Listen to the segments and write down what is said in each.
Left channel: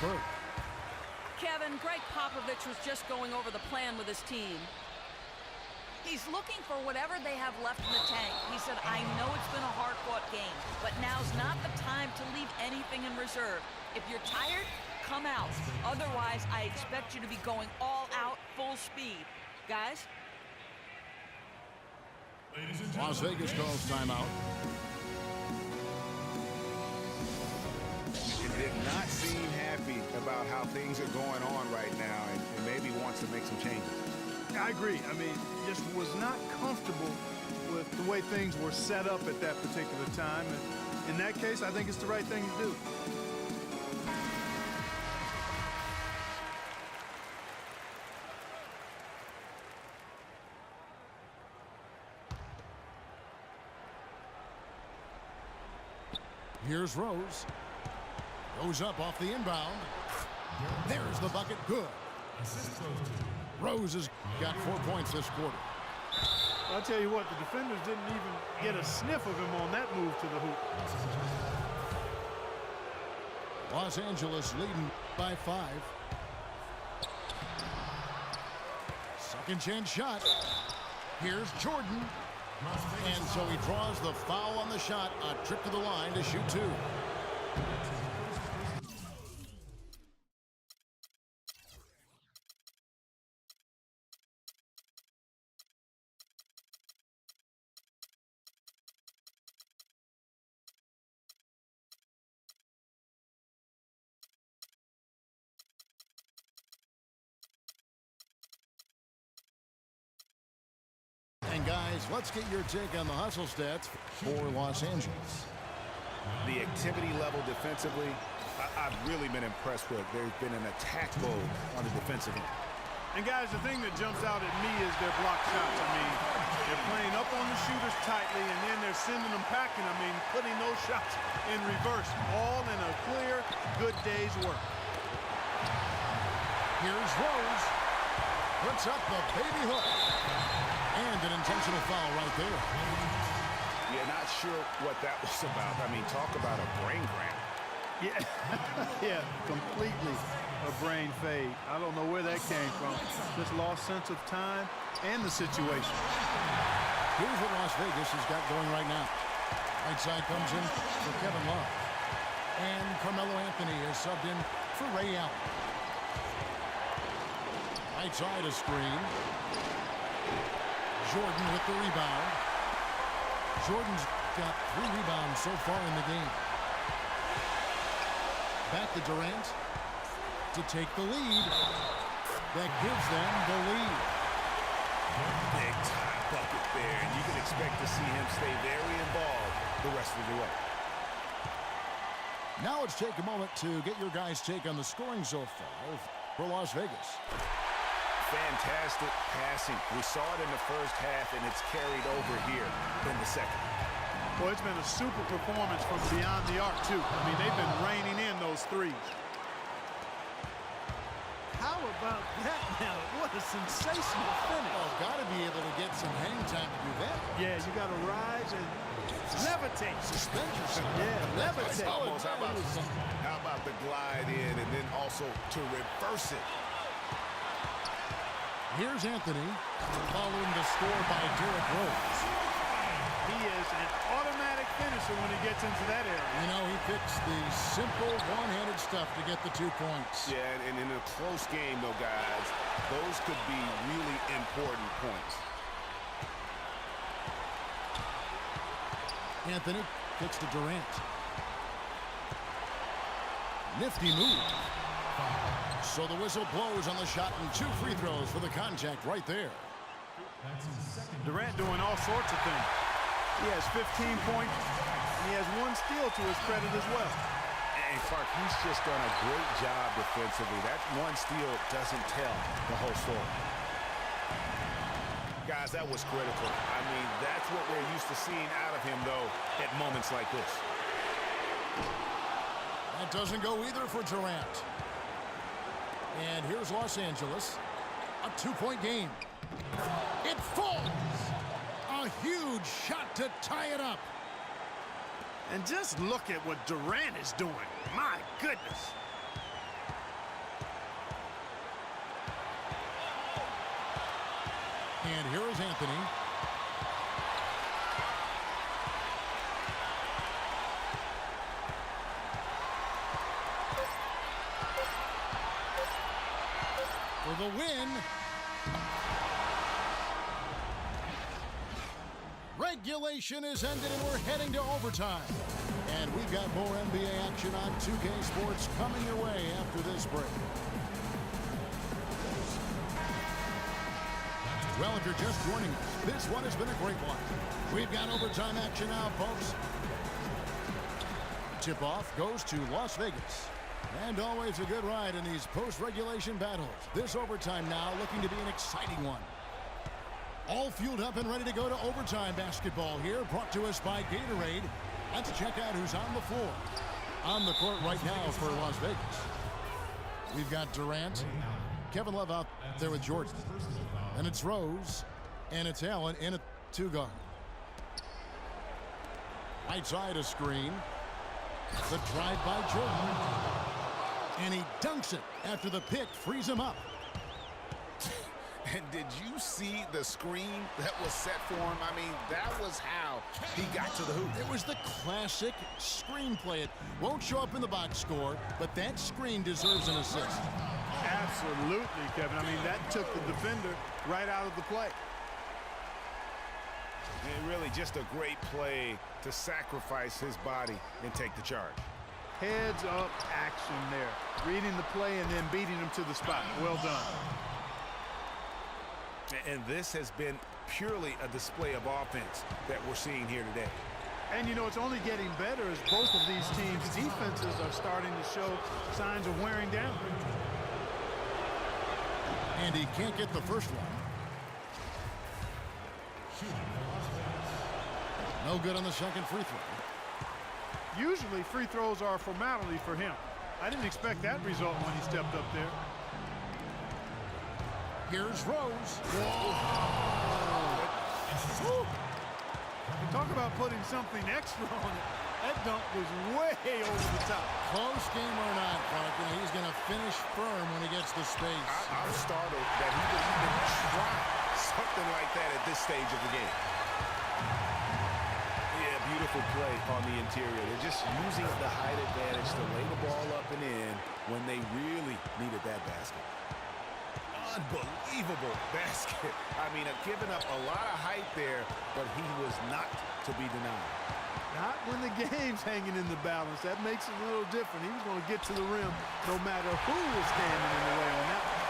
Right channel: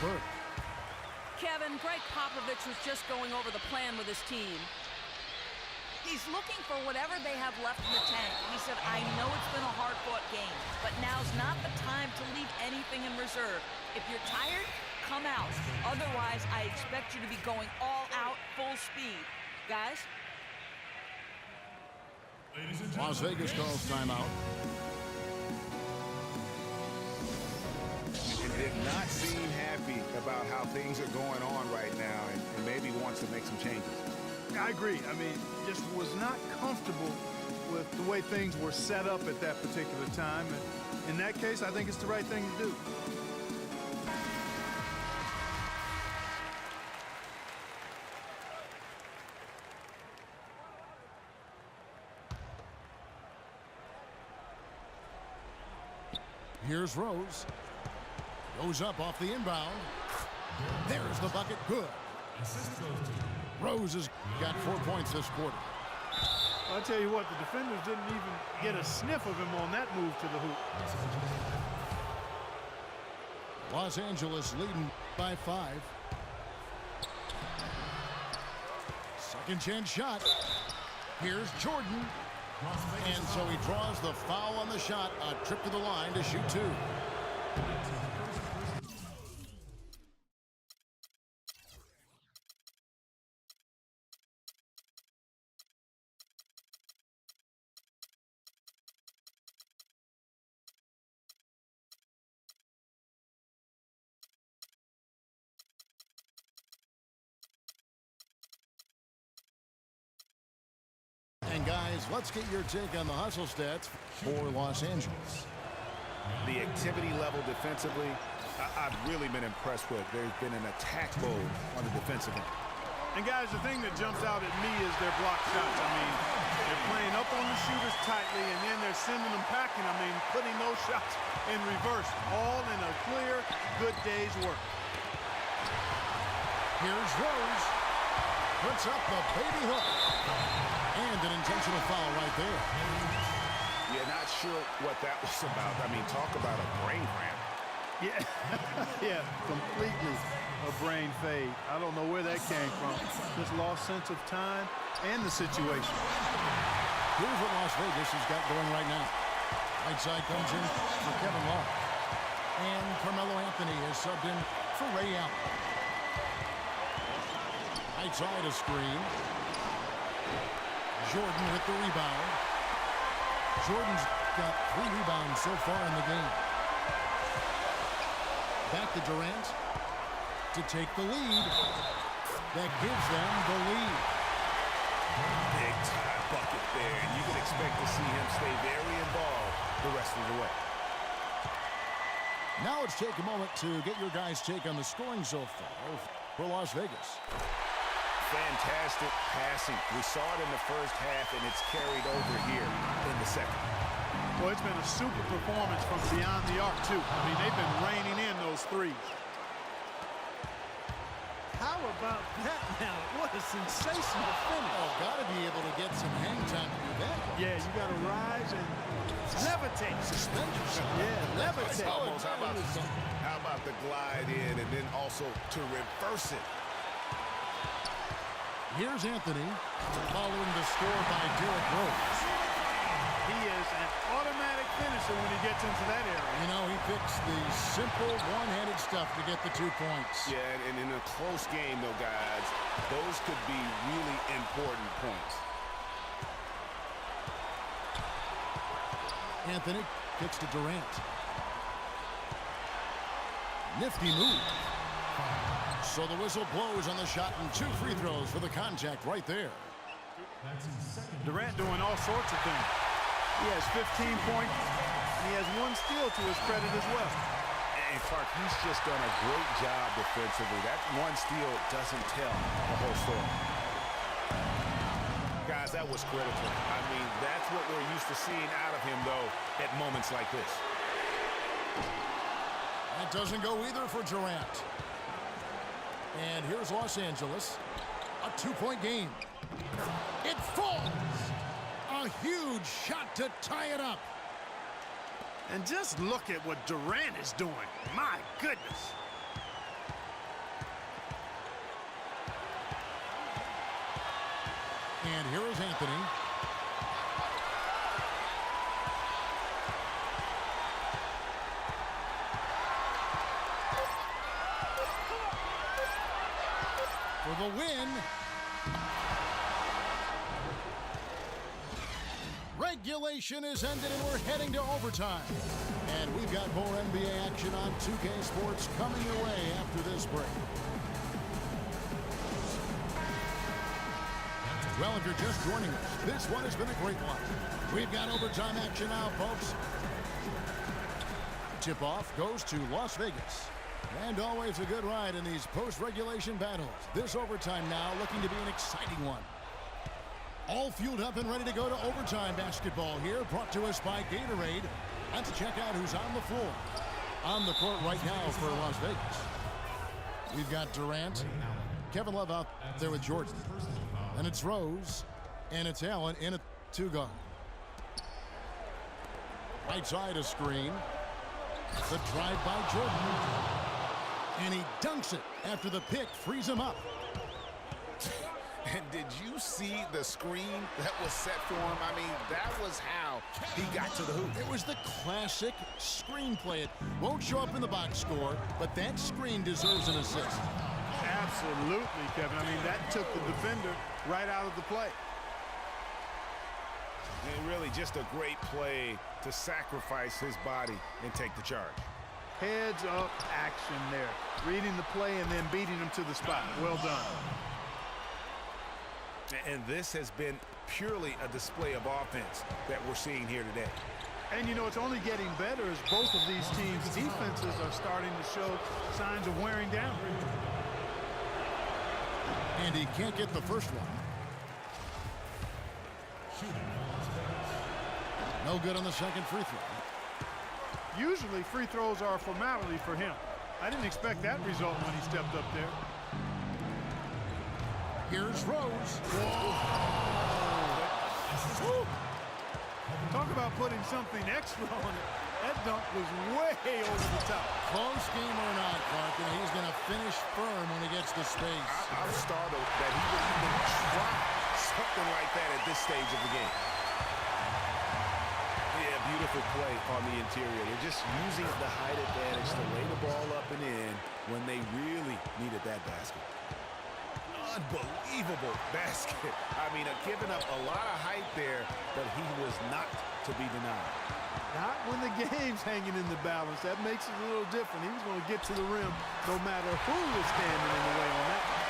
Burke. Kevin, Greg Popovich was just going over the plan with his team. He's looking for whatever they have left in the tank. He said, I know it's been a hard-fought game, but now's not the time to leave anything in reserve. If you're tired, come out. Otherwise, I expect you to be going all out, full speed. Guys? Las Vegas calls timeout. And did not seem happy about how things are going on right now and maybe wants to make some changes. I agree. I mean, just was not comfortable with the way things were set up at that particular time. And in that case, I think it's the right thing to do. Here's Rose. Goes up off the inbound. There's the bucket. Good. Rose has got 4 points this quarter. Well, I'll tell you what, the defenders didn't even get a sniff of him on that move to the hoop. Los Angeles leading by 5. Second chance shot. Here's Jordan. And so he draws the foul on the shot. A trip to the line to shoot 2. And guys, let's get your take on the hustle stats for Los Angeles. The activity level defensively, I've really been impressed with. There's been an attack mode on the defensive end. And guys, the thing that jumps out at me is their block shots. I mean, they're playing up on the shooters tightly, and then they're sending them packing. I mean, putting those shots in reverse, all in a clear, good day's work. Here's Rose. Puts up the baby hook. And an intentional foul right there. Yeah, not sure what that was about. I mean, talk about a brain cramp. Yeah, yeah, completely a brain fade. I don't know where that came from. Just lost sense of time and the situation. Here's what Las Vegas has got going right now. Right side comes in for Kevin Love. And Carmelo Anthony is subbed in for Ray Allen. Right side a screen. Jordan with the rebound. Jordan's got 3 rebounds so far in the game. Back to Durant to take the lead. That gives them the lead. Big time bucket there, and you can expect to see him stay very involved the rest of the way. Now let's take a moment to get your guys' take on the scoring so far for Las Vegas. Fantastic passing. We saw it in the first half, and it's carried over here in the second. Well, it's been a super performance from beyond the arc, too. I mean, they've been raining in those threes. How about that now? What a sensational finish. Oh, got to be able to get some hang time to do that. Yeah, you got to rise and levitate. Suspend yourself. Yeah, levitate. Almost. How about the glide in and then also to reverse it? Here's Anthony following the score by Derrick Rose. He is an automatic finisher when he gets into that area. You know, he picks the simple one-handed stuff to get the 2 points. Yeah, and in a close game, though, guys, those could be really important points. Anthony kicks to Durant. Nifty move. So the whistle blows on the shot and 2 free throws for the contact right there. Durant doing all sorts of things. He has 15 points, and he has 1 steal to his credit as well. And Clark, he's just done a great job defensively. That 1 steal doesn't tell the whole story. Guys, that was critical. I mean, that's what we're used to seeing out of him, though, at moments like this. That doesn't go either for Durant. And here's Los Angeles. A 2-point game. It falls. A huge shot to tie it up. And just look at what Durant is doing. My goodness. And here is Anthony. For the win. Regulation is ended and we're heading to overtime. And we've got more NBA action on 2K Sports coming your way after this break. Well, if you're just joining us, this one has been a great one. We've got overtime action now, folks. Tip-off goes to Las Vegas. And always a good ride in these post-regulation battles. This overtime now looking to be an exciting one. All fueled up and ready to go to overtime basketball here, brought to us by Gatorade. Let's check out who's on the floor. On the court right now for Las Vegas. We've got Durant, Kevin Love out there with Jordan. And it's Rose, and it's Allen in a two-guard. Right side a screen. The drive by Jordan. And he dunks it after the pick frees him up. And did you see the screen that was set for him? I mean, that was how he got to the hoop. It was the classic screen play. It won't show up in the box score, but that screen deserves an assist. Absolutely, Kevin. I mean, that took the defender right out of the play. And really just a great play to sacrifice his body and take the charge. Heads up action there. Reading the play and then beating him to the spot. Well done. And this has been purely a display of offense that we're seeing here today. And, you know, it's only getting better as both of these teams' defenses are starting to show signs of wearing down. And he can't get the first one. No good on the second free throw. Usually free throws are a formality for him. I didn't expect that result when he stepped up there. Here's Rose. Whoa. Talk about putting something extra on it. That dunk was way over the top. Close game or not, Clark, and he's going to finish firm when he gets the space. I'm startled that he would even try something like that at this stage of the game. Yeah, beautiful play on the interior. They're just using the height advantage to lay the ball up and in when they really needed that basket. Unbelievable basket. I mean, giving up a lot of height there, but he was not to be denied. Not when the game's hanging in the balance. That makes it a little different. He was going to get to the rim no matter who was standing in the way on that one.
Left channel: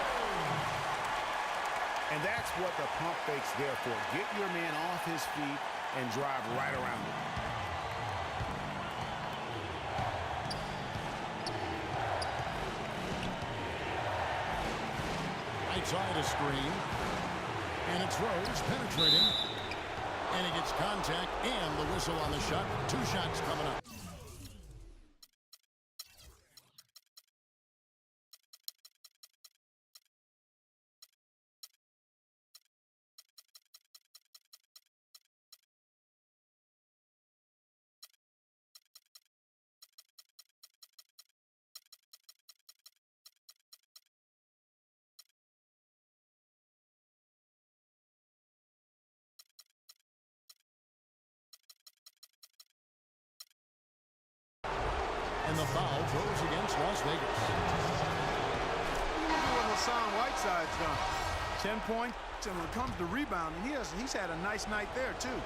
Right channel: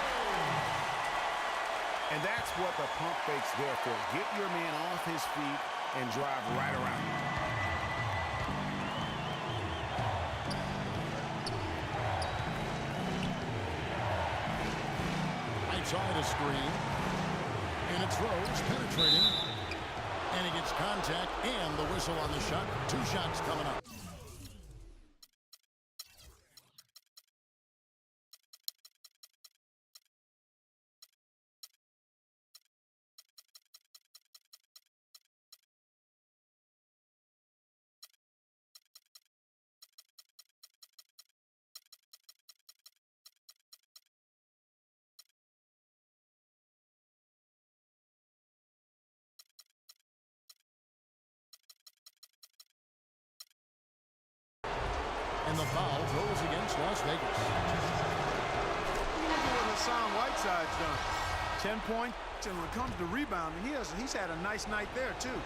And that's what the pump fake's there for. Get your man off his feet and drive right around him. Right side a screen. And it's Rose penetrating. And he gets contact and the whistle on the shot. 2 shots coming up. And the foul goes against Las Vegas. Look at what Hassan Whiteside's done. 10 points, and when it comes to rebounding, he's had a nice night there, too.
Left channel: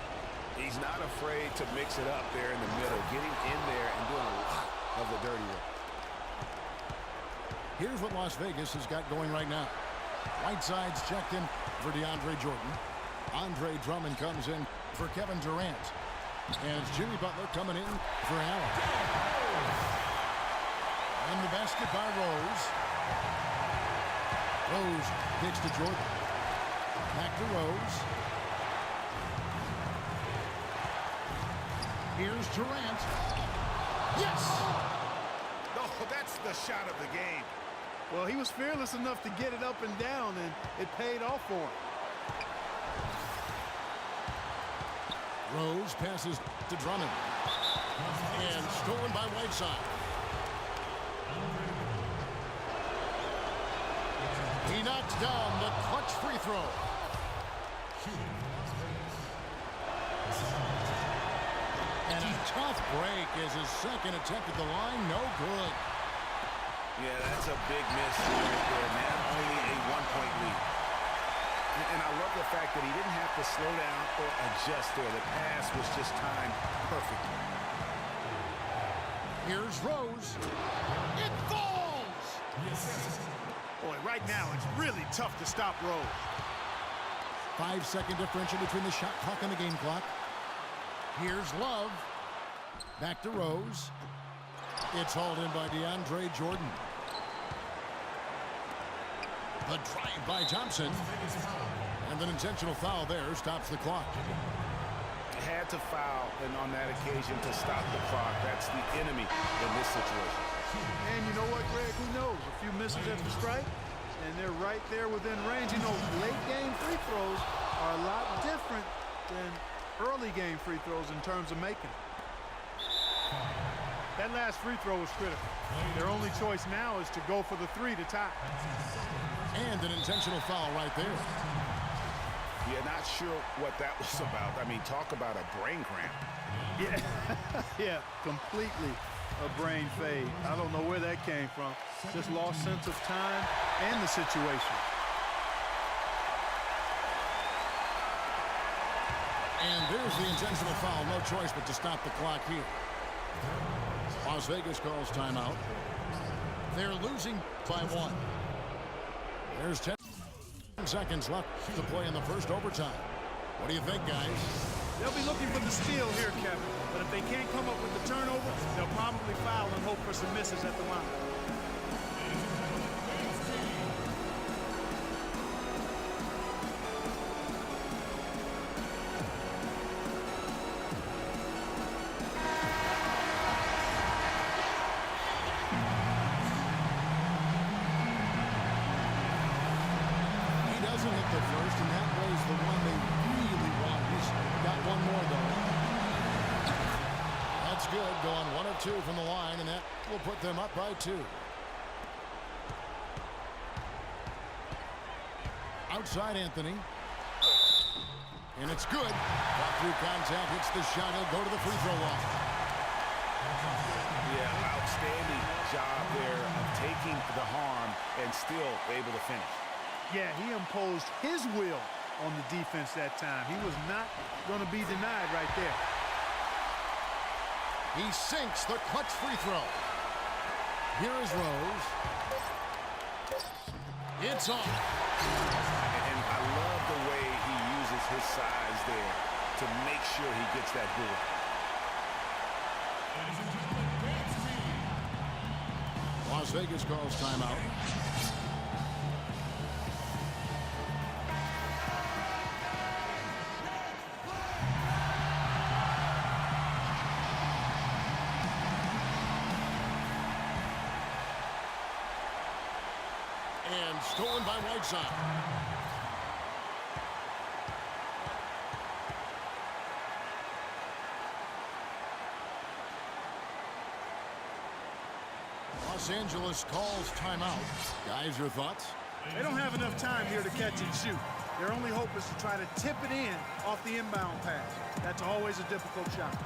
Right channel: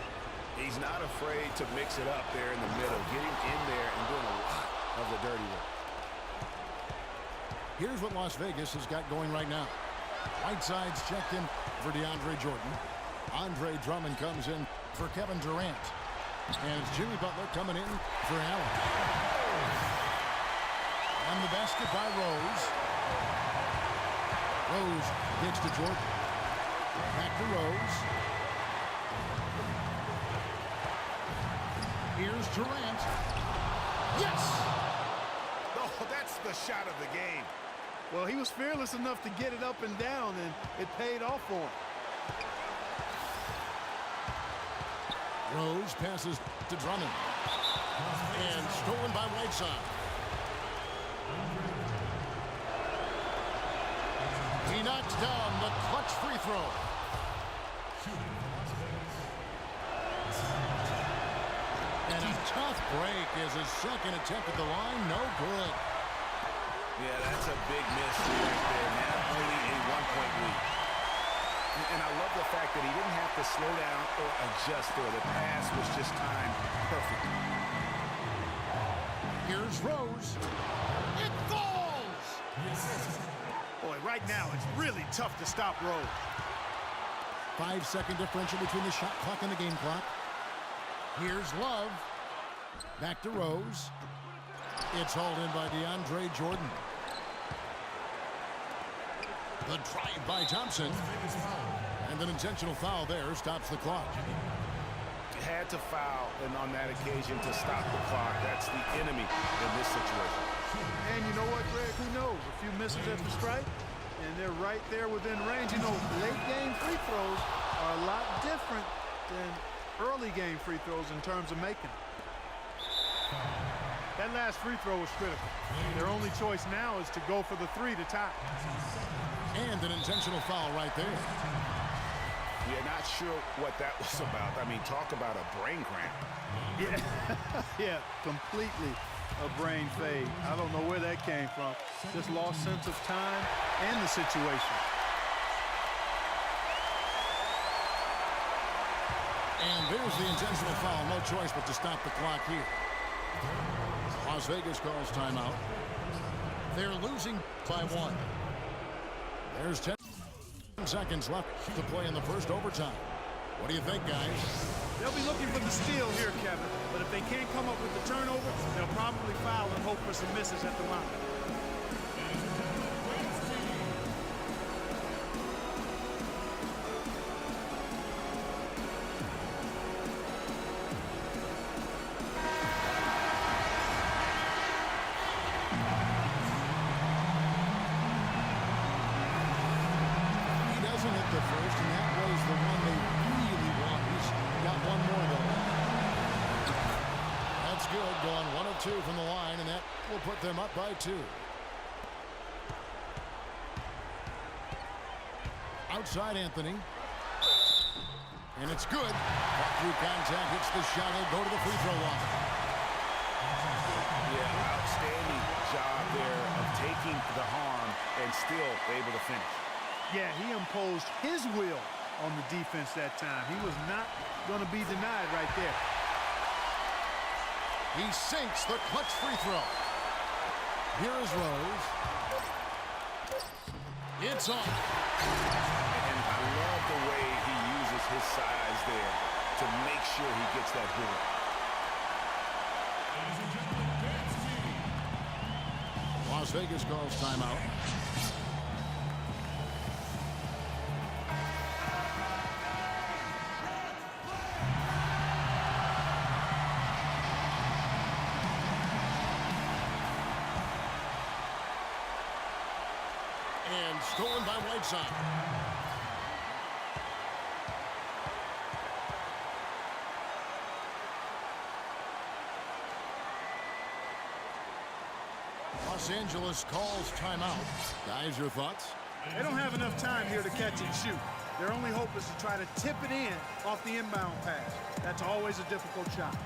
He's not afraid to mix it up there in the middle, getting in there and doing a lot of the dirty work. Here's what Las Vegas has got going right now. Whiteside's checked in for DeAndre Jordan. Andre Drummond comes in for Kevin Durant. And it's Jimmy Butler coming in for Allen. And the basket by Rose. Rose kicks to Jordan. Back to Rose. Here's Durant. Yes! Oh, that's the shot of the game. Well, he was fearless enough to get it up and down, and it paid off for him. Rose passes to Drummond. And stolen by Whiteside. He knocks down the clutch free throw. And a tough break is his second attempt at the line. No good. Yeah, that's a big miss right there. Now only a 1-point lead. And I love the fact that he didn't have to slow down or adjust there. The pass was just timed perfectly. Here's Rose. It falls! Boy, right now it's really tough to stop Rose. 5-second differential between the shot clock and the game clock. Here's Love. Back to Rose. It's hauled in by DeAndre Jordan. The drive by Thompson. And an intentional foul there stops the clock. Had to foul, and on that occasion to stop the clock. That's the enemy in this situation. And you know what, Greg? Who knows? A few misses at the strike, and they're right there within range. You know, late game free throws are a lot different than early game free throws in terms of making them. That last free throw was critical. Their only choice now is to go for the three to tie. And an intentional foul right there. Yeah, not sure what that was about. I mean, talk about a brain cramp. Yeah, yeah, completely a brain fade. I don't know where that came from. Just lost sense of time and the situation. And there's the intentional foul. No choice but to stop the clock here. Las Vegas calls timeout. They're losing by 1. There's 10 seconds left to play in the first overtime. What do you think, guys? They'll be looking for the steal here, Kevin. But if they can't come up with the turnover, they'll probably foul and hope for some misses at the line. Doesn't hit the first, and that was the one they really want. He's got one more, though. That's good, going 1 of 2 from the line, and that will put them up by 2. Outside Anthony. And it's good. Fought through contact, hits the shot. He'll go to the free throw line. Yeah, outstanding job there of taking the harm and still able to finish. Yeah, he imposed his will on the defense that time. He was not going to be denied right there. He sinks the clutch free throw. Here is Rose. It's off. And I love the way he uses his size there to make sure he gets that board. Ladies and gentlemen, dance team. Las Vegas calls timeout. And stolen by Whiteside. Los Angeles calls timeout. Guys, your thoughts? They don't have enough time here to catch and shoot. Their only hope is to try to tip it in off the inbound pass. That's always a difficult shot.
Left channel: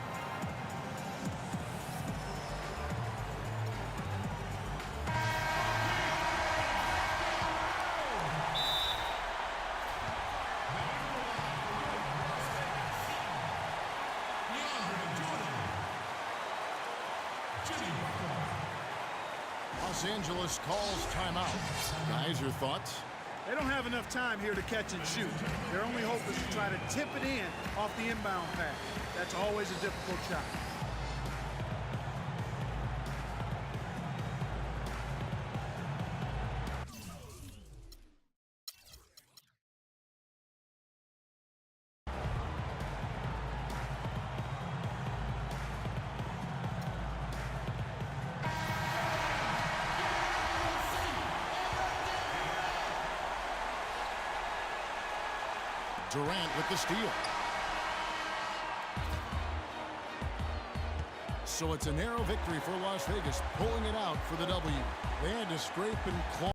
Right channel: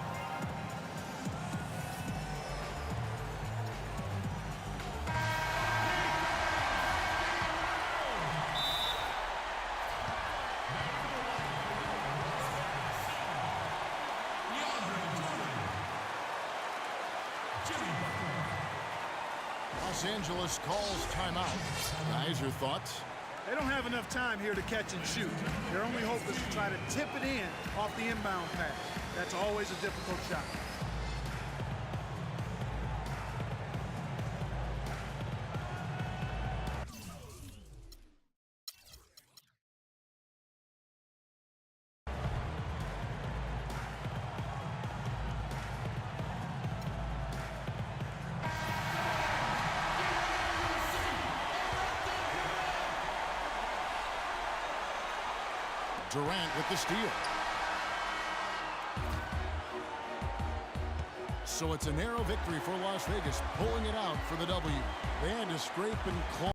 Los Angeles calls timeout. Guys, your thoughts? They don't have enough time here to catch and shoot. Their only hope is to try to tip it in off the inbound pass. That's always a difficult shot. Durant with the steal. So it's a narrow victory for Las Vegas, pulling it out for the W. They had to scrape and claw.